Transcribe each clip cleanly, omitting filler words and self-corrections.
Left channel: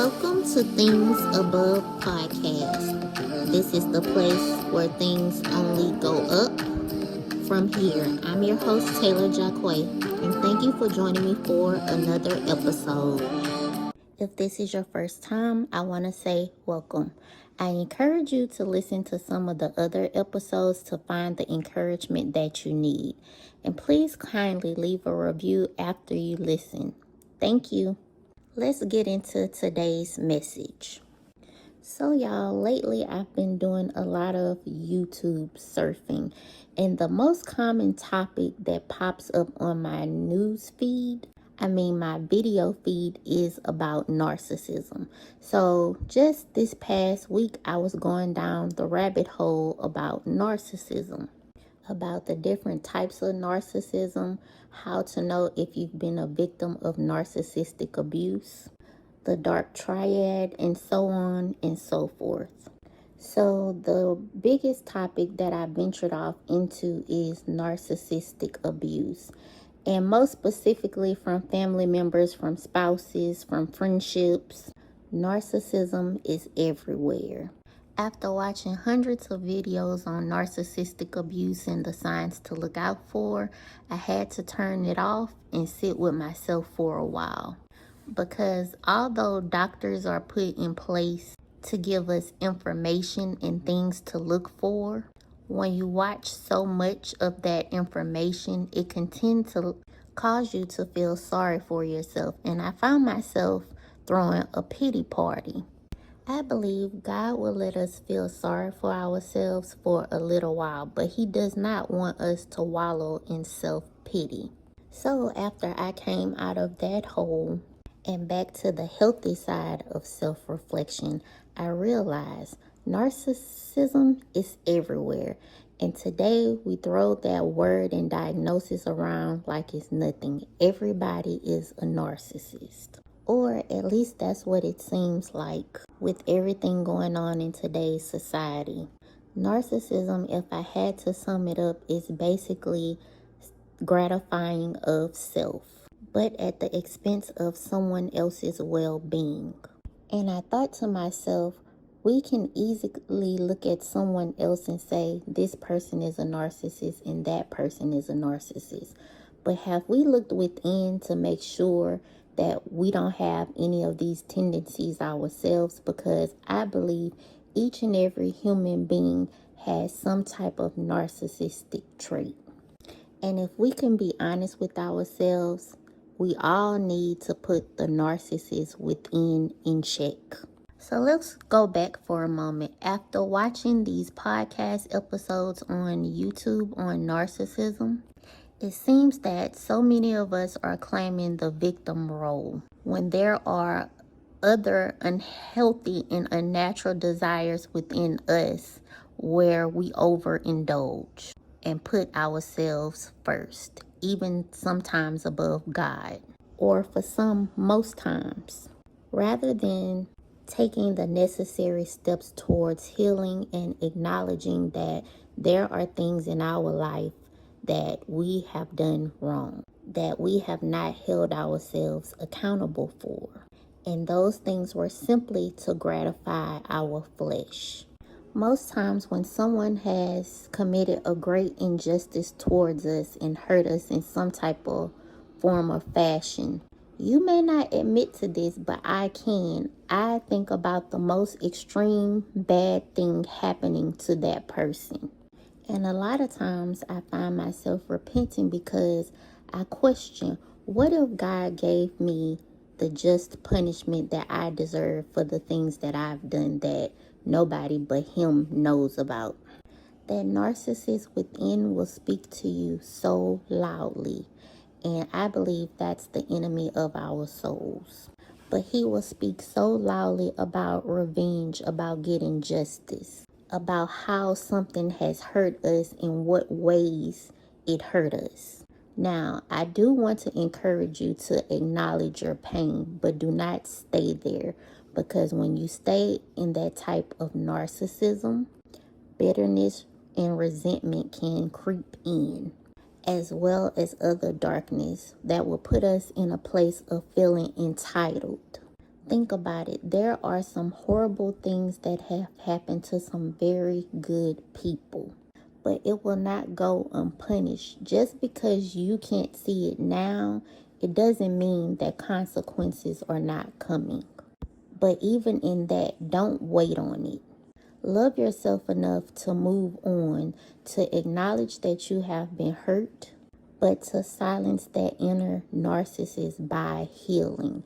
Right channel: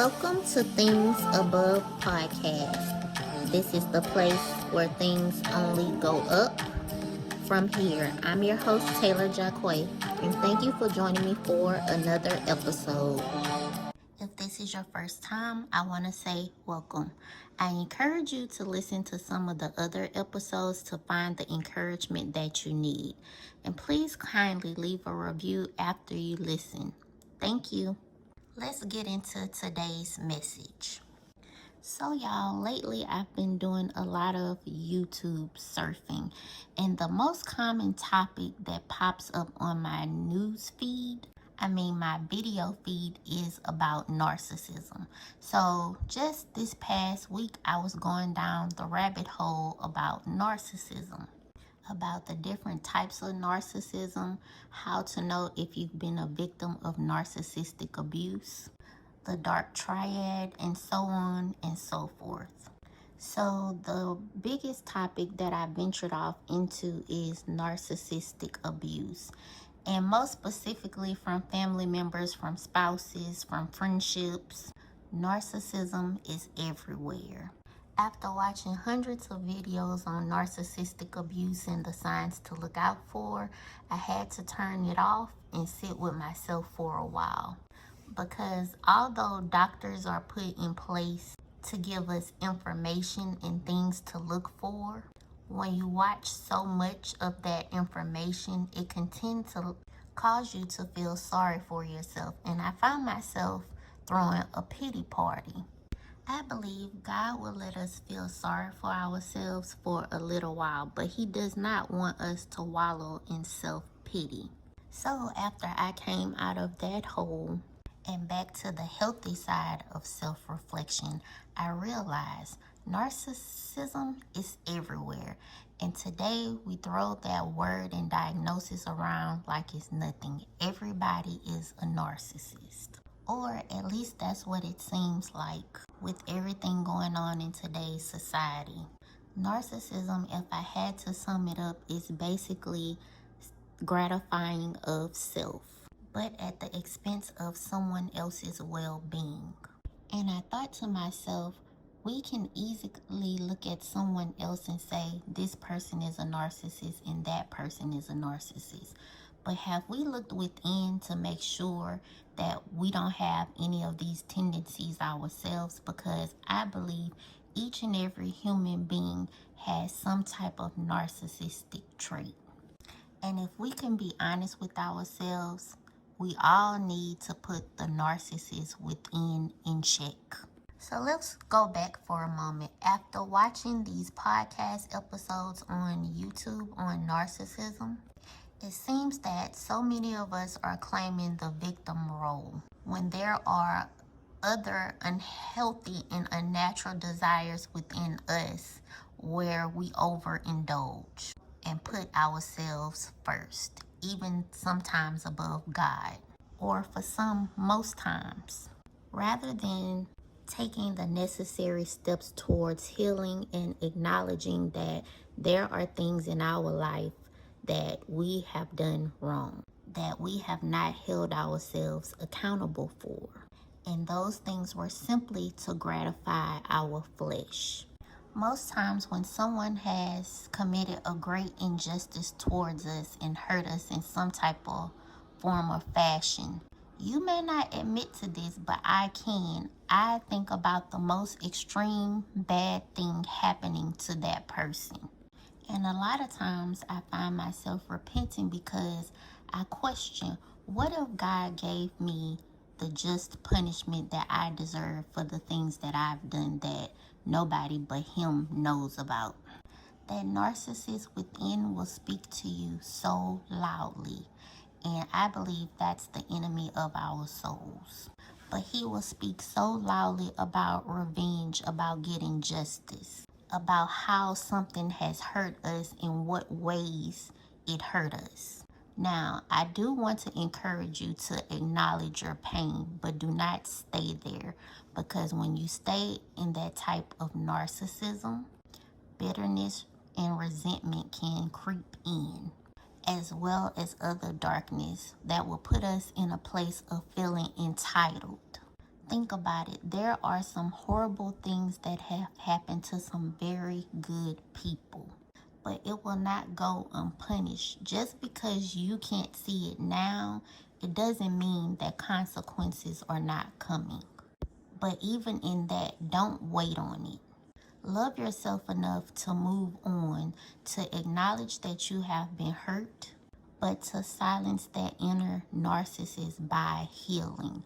Welcome to Things Above Podcast. This is the place where things only go up from here. I'm your host, Taylar Jacquay, and thank you for joining me for another episode. If this is your first time, I want to say welcome. I encourage you to listen to some of the other episodes to find the encouragement that you need. And please kindly leave a review after you listen. Thank you. Let's get into today's message. So y'all, lately I've been doing a lot of YouTube surfing, and the most common topic that pops up on my news feed, my video feed, is about narcissism. So just this past week, I was going down the rabbit hole about narcissism, about the different types of narcissism, how to know if you've been a victim of narcissistic abuse, the dark triad, and so on and so forth. So the biggest topic that I ventured off into is narcissistic abuse, and most specifically from family members, from spouses, from friendships. Narcissism is everywhere. After watching hundreds of videos on narcissistic abuse and the signs to look out for, I had to turn it off and sit with myself for a while. Because although doctors are put in place to give us information and things to look for, when you watch so much of that information, it can tend to cause you to feel sorry for yourself. And I found myself throwing a pity party. I believe God will let us feel sorry for ourselves for a little while, but He does not want us to wallow in self-pity. So after I came out of that hole and back to the healthy side of self-reflection, I realized narcissism is everywhere. And today we throw that word and diagnosis around like it's nothing. Everybody is a narcissist. Or at least that's what it seems like with everything going on in today's society. Narcissism, if I had to sum it up, is basically gratifying of self, but at the expense of someone else's well-being. And I thought to myself, we can easily look at someone else and say, this person is a narcissist and that person is a narcissist. But have we looked within to make sure that we don't have any of these tendencies ourselves? Because I believe each and every human being has some type of narcissistic trait. And if we can be honest with ourselves, we all need to put the narcissist within in check. So let's go back for a moment. After watching these podcast episodes on YouTube on narcissism, it seems that so many of us are claiming the victim role when there are other unhealthy and unnatural desires within us where we overindulge and put ourselves first, even sometimes above God, or for some, most times, rather than taking the necessary steps towards healing and acknowledging that there are things in our life that we have done wrong, that we have not held ourselves accountable for. And those things were simply to gratify our flesh. Most times when someone has committed a great injustice towards us and hurt us in some type of form or fashion, you may not admit to this, but I can. I think about the most extreme bad thing happening to that person. And a lot of times I find myself repenting because I question, what if God gave me the just punishment that I deserve for the things that I've done that nobody but Him knows about? That narcissist within will speak to you so loudly. And I believe that's the enemy of our souls. But he will speak so loudly about revenge, about getting justice, about how something has hurt us and what ways it hurt us. Now, I do want to encourage you to acknowledge your pain, but do not stay there, because when you stay in that type of narcissism, bitterness and resentment can creep in, as well as other darkness that will put us in a place of feeling entitled. Think about it. There are some horrible things that have happened to some very good people, but it will not go unpunished. Just because you can't see it now, it doesn't mean that consequences are not coming. But even in that, don't wait on it. Love yourself enough to move on, to acknowledge that you have been hurt, but to silence that inner narcissist by healing,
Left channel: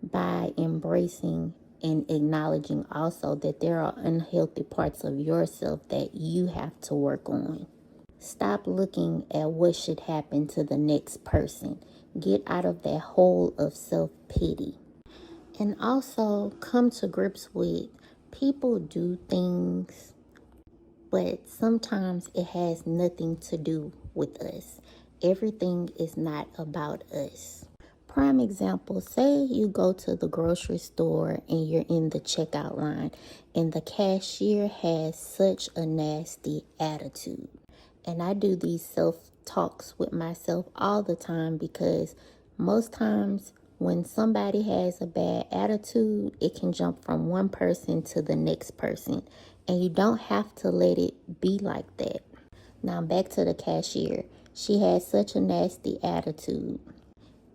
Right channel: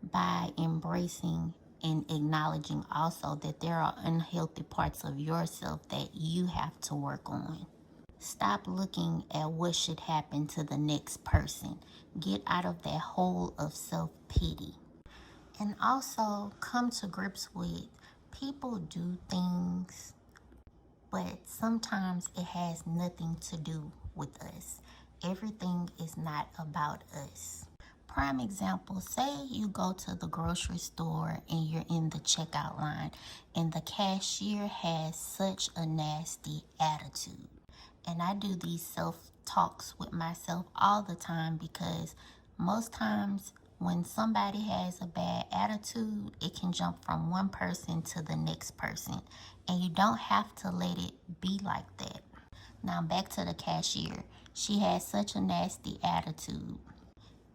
by embracing and acknowledging also that there are unhealthy parts of yourself that you have to work on. Stop looking at what should happen to the next person. Get out of that hole of self-pity. And also come to grips with people do things, but sometimes it has nothing to do with us. Everything is not about us. Prime example, say you go to the grocery store and you're in the checkout line and the cashier has such a nasty attitude. And I do these self-talks with myself all the time because most times when somebody has a bad attitude, it can jump from one person to the next person. And you don't have to let it be like that. Now back to the cashier. She has such a nasty attitude.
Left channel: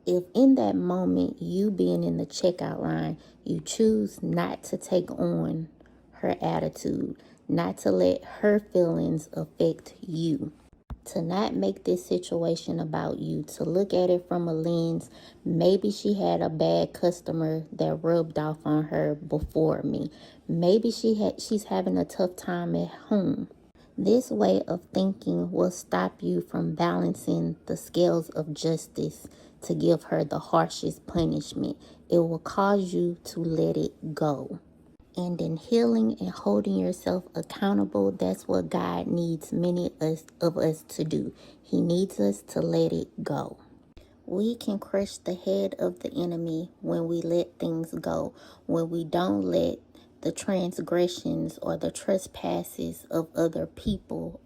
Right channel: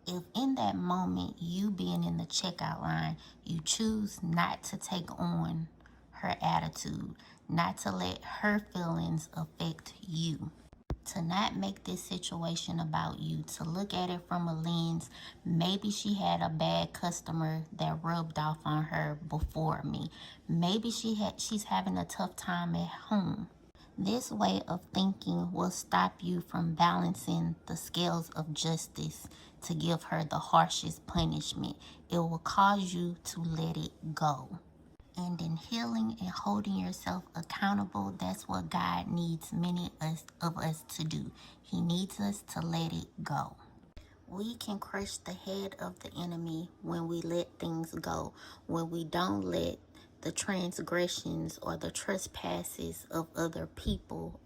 If in that moment, you being in the checkout line, you choose not to take on her attitude, not to let her feelings affect you, to not make this situation about you, to look at it from a lens, maybe she had a bad customer that rubbed off on her before me. Maybe she's having a tough time at home. This way of thinking will stop you from balancing the scales of justice to give her the harshest punishment. It will cause you to let it go. And in healing and holding yourself accountable, that's what God needs many of us to do. He needs us to let it go. We can crush the head of the enemy when we let things go, when we don't let the transgressions or the trespasses of other people,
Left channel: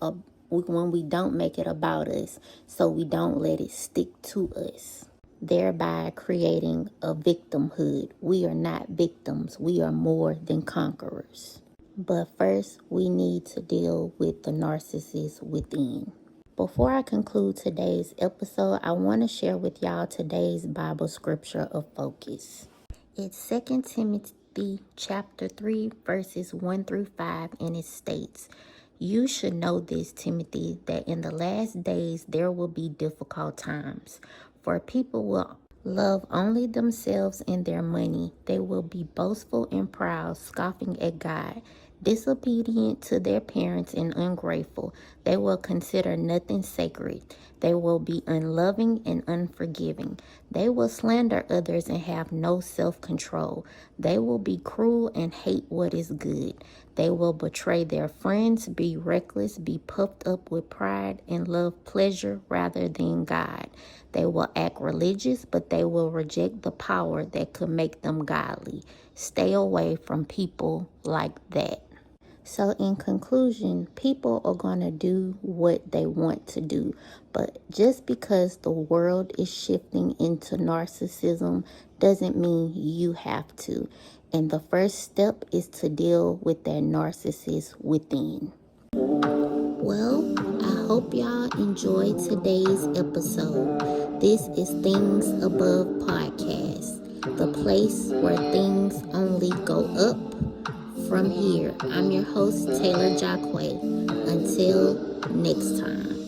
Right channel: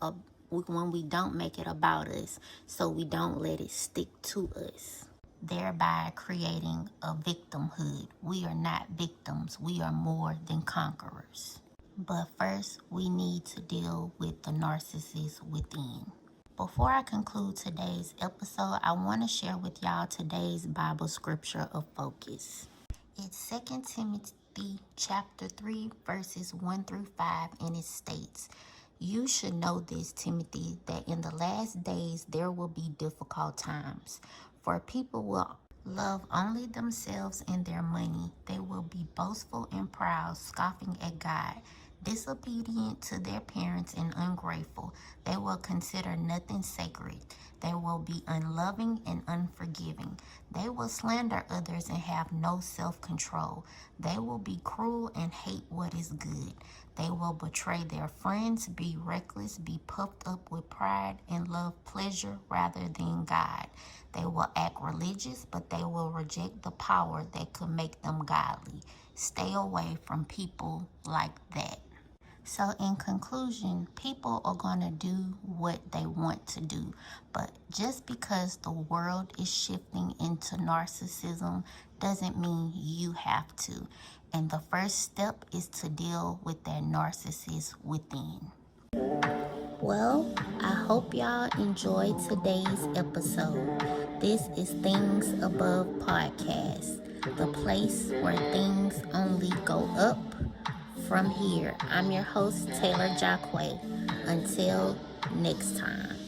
when we don't make it about us, so we don't let it stick to us, thereby creating a victimhood. We are not victims. We are more than conquerors. But first, we need to deal with the narcissist within. Before I conclude today's episode, I want to share with y'all today's Bible scripture of focus. It's 2 Timothy chapter 3, verses 1 through 5, and it states, "You should know this, Timothy, that in the last days there will be difficult times. For people will love only themselves and their money. They will be boastful and proud, scoffing at God, disobedient to their parents and ungrateful. They will consider nothing sacred. They will be unloving and unforgiving. They will slander others and have no self-control. They will be cruel and hate what is good. They will betray their friends, be reckless, be puffed up with pride, and love pleasure rather than God. They will act religious, but they will reject the power that could make them godly. Stay away from people like that." So in conclusion, people are going to do what they want to do. But just because the world is shifting into narcissism doesn't mean you have to. And the first step is to deal with that narcissist within. Well, I hope y'all enjoyed today's episode. This is Things Above Podcast, the place where things only go up from here. I'm your host, Taylar Jacque. Until next time.